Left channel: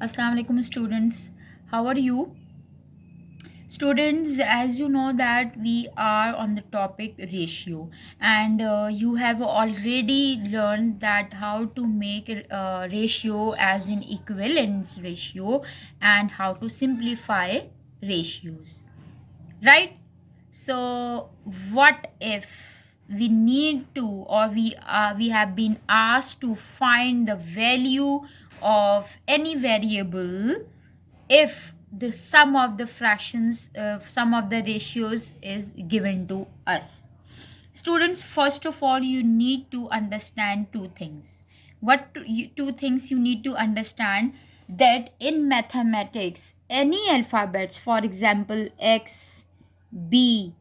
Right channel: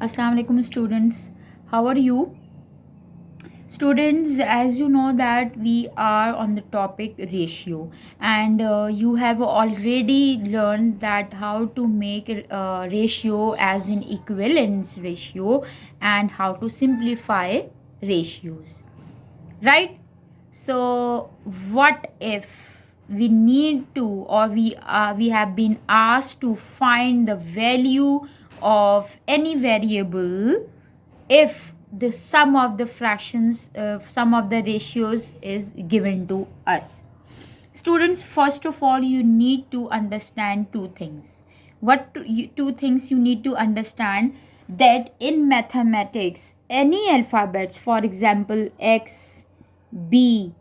Assalamu alaikum students. How are you? Students, as you know that we are on the topic ratio, and you have already learned that how to make ratio as an equivalence ratio and how to simplify ratios, right? So what if we need to, or we have been asked to find the value of any variable if the sum of the fractions, sum of the ratios is given to us? Students, first of all, you need to understand two things. Two things you need to understand: that in mathematics, any alphabets, for example, X, B,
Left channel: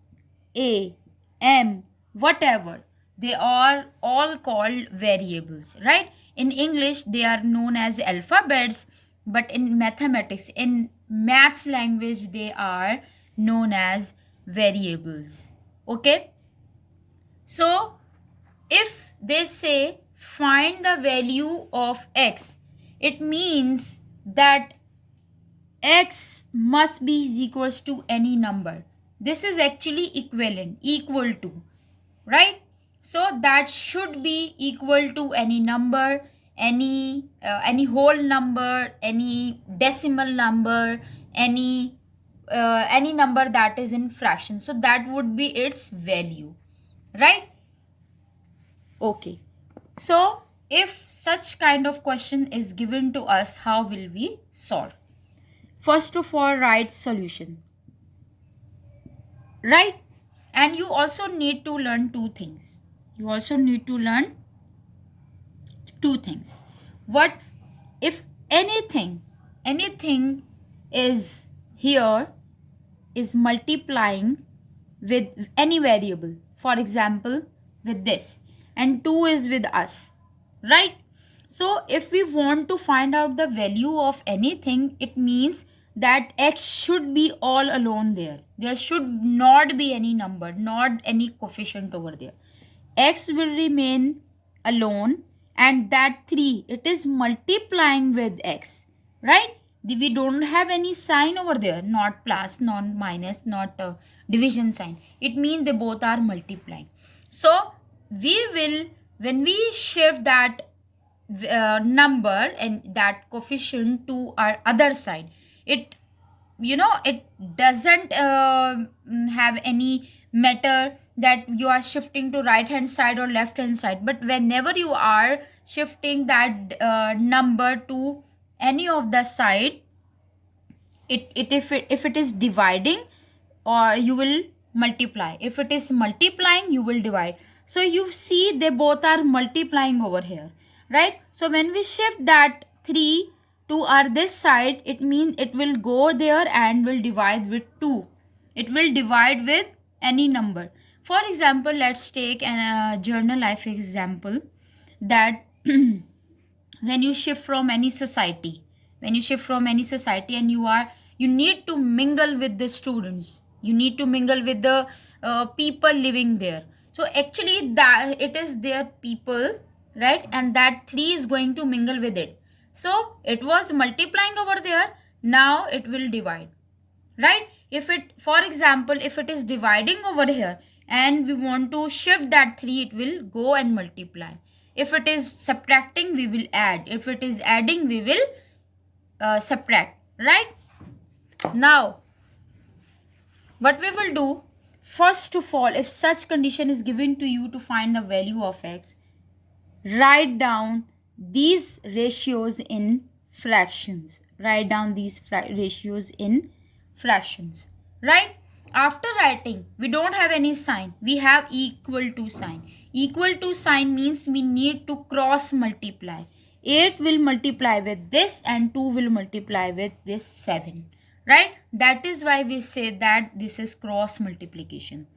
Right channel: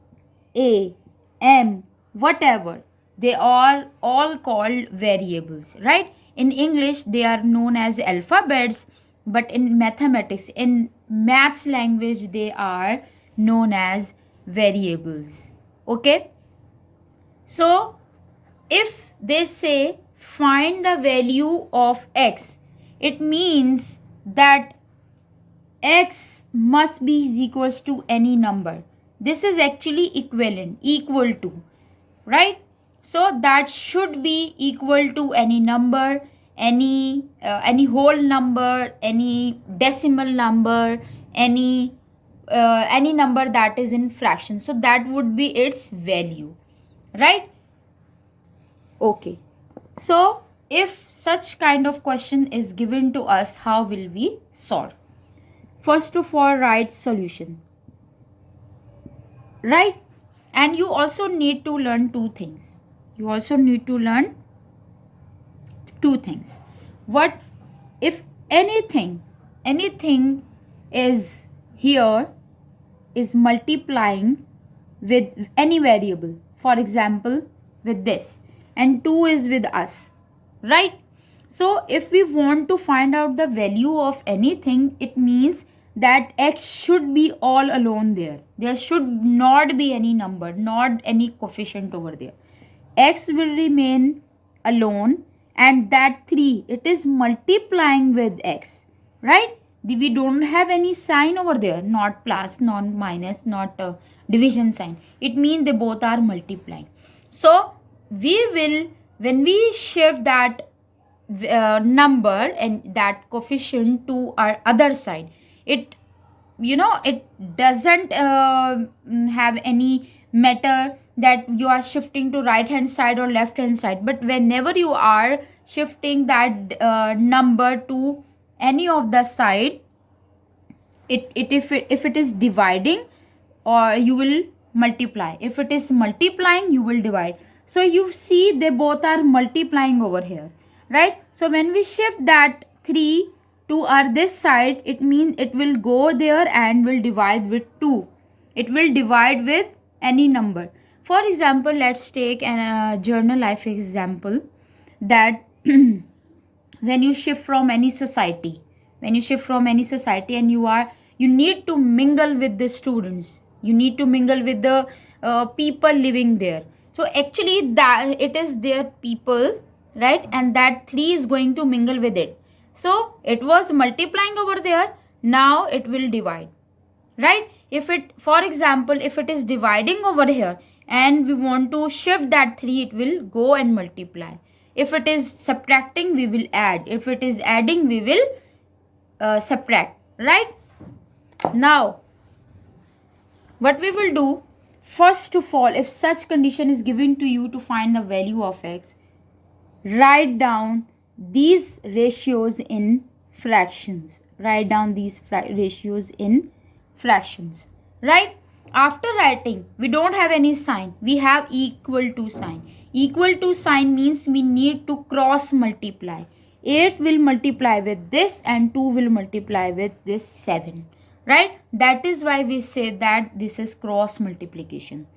A, M, whatever, they are all called variables, right? In English, they are known as alphabets, but in mathematics, in maths language, they are known as variables. Okay? So, if they say find the value of x, it means that x must be equals to any number. This is actually equal to, right? So that should be equal to any number, any whole number, any decimal number, any number that is in fraction. So that would be its value, right? Okay. So if such kind of question is given to us, how will we solve? First of all, write solution, right? And you also need to learn two things. What if anything is here is multiplying with any variable, for example with this, and 2 is with us, right? So if we want to find out the value of anything, it means that x should be all alone there. There should not be any number, not any coefficient over there. X will remain alone, and that 3, it is multiplying with x, right? We don't have any sign over there, not plus, not minus, not division sign. It means they both are multiplying. So we will, when we shift that number and that coefficient to our other side, it it doesn't have any matter that you are shifting to right hand side or left hand side, but whenever you are shifting that number to any of the side, if it is dividing, or you will multiply. If it is multiplying, you will divide. So you see they both are multiplying over here, right? So when we shift that 3 to our this side, it means it will go there and will divide with 2. It will divide with any number. For example, let's take a journal life example, that when you shift from any society, and you need to mingle with the students, you need to mingle with the people living there. So actually that it is their people, right? And that 3 is going to mingle with it. So it was multiplying over there, now it will divide, right? If it, for example, if it is dividing over here and we want to shift that 3, it will go and multiply. If it is subtracting, we will add. If it is adding, we will subtract, right? Now what we will do, first of all, if such condition is given to you to find the value of x, write down these ratios in fractions. Right? After writing, we don't have any sign, we have equal to sign. Equal to sign means we need to cross multiply. 8 will multiply with this and 2 will multiply with this 7, right? That is why we say that this is cross multiplication.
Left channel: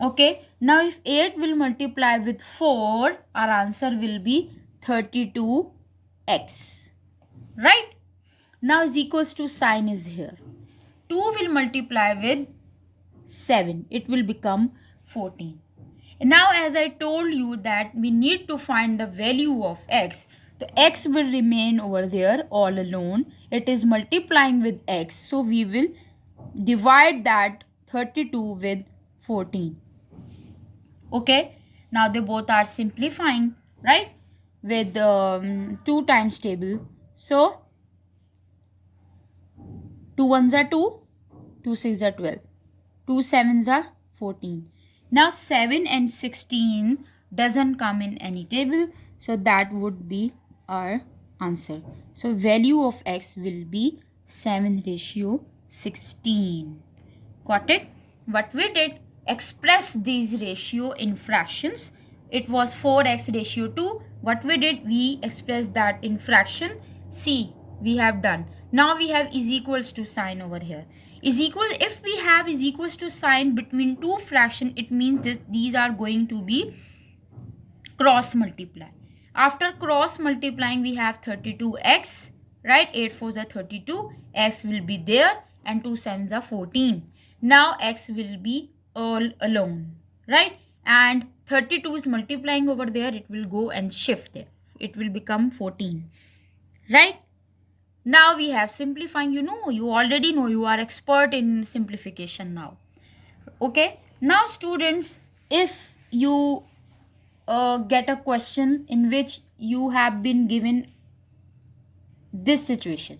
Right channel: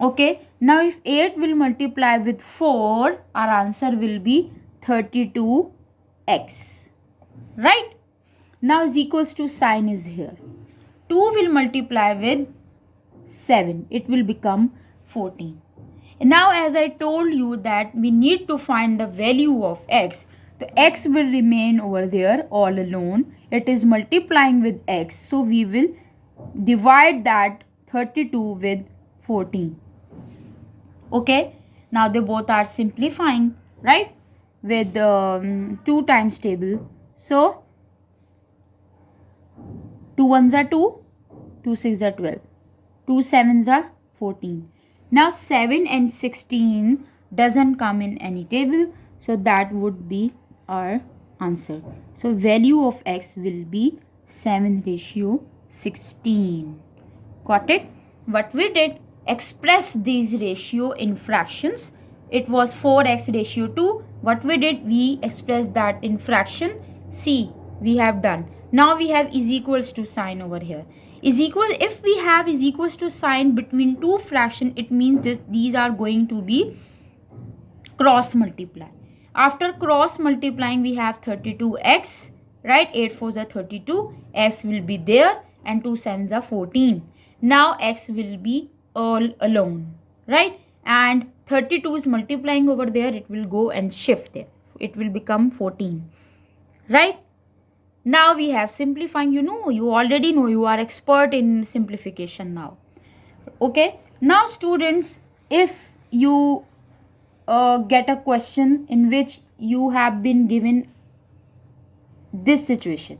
Okay, now if 8 will multiply with 4, our answer will be 32x, right? Now is equals to sign is here. 2 will multiply with 7, it will become 14. And now as I told you that we need to find the value of x, So x will remain over there all alone. It is multiplying with x. So we will divide that 32 with 14. Okay. Now they both are simplifying, right? With 2 times table. So 2 ones are 2, 2 6 are 12, 2 sevens are 14. Now 7 and 16 doesn't come in any table, so that would be our answer. So value of x will be 7:16. Got it? What we did, express these ratio in fractions. It was 4:2. What we did, we expressed that in fraction. See, we have done. Now we have is equals to sign over here. Is equal, if we have is equals to sign between two fraction, it means these are going to be cross multiply. After cross multiplying, we have 32x, right? 8 4s are 32. X will be there and 2 7s are 14. Now x will be all alone, right? And 32 is multiplying over there. It will go and shift there. It will become 14, right? Now we have simplifying. You already know, you are expert in simplification now. Okay. Now students, if you get a question in which you have been given this situation,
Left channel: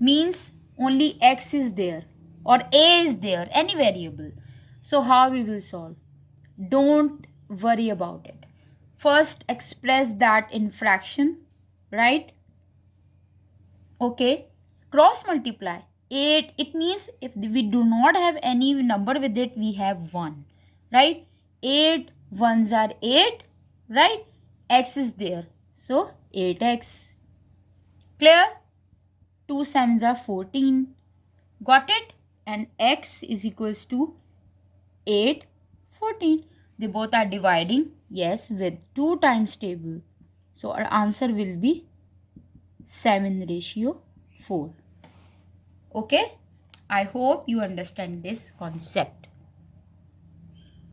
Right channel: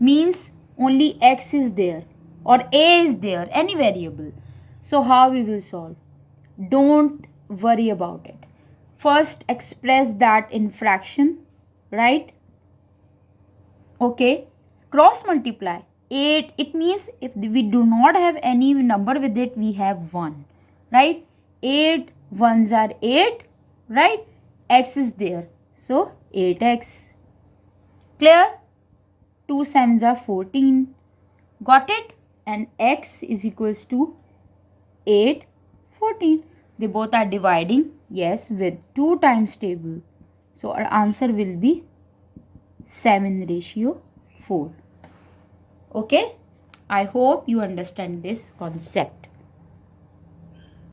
means only x is there or a is there, any variable. So how we will solve? Don't worry about it. First express that in fraction, right? Okay. Cross multiply 8, it means if we do not have any number with it, we have 1, right? 8 ones are 8, right? X is there, so 8x. Clear? 2 sevens are 14. Got it? And x is equals to 8 14. They both are dividing, yes, with 2 times table. So our answer will be 7:4. Okay, I hope you understand this concept.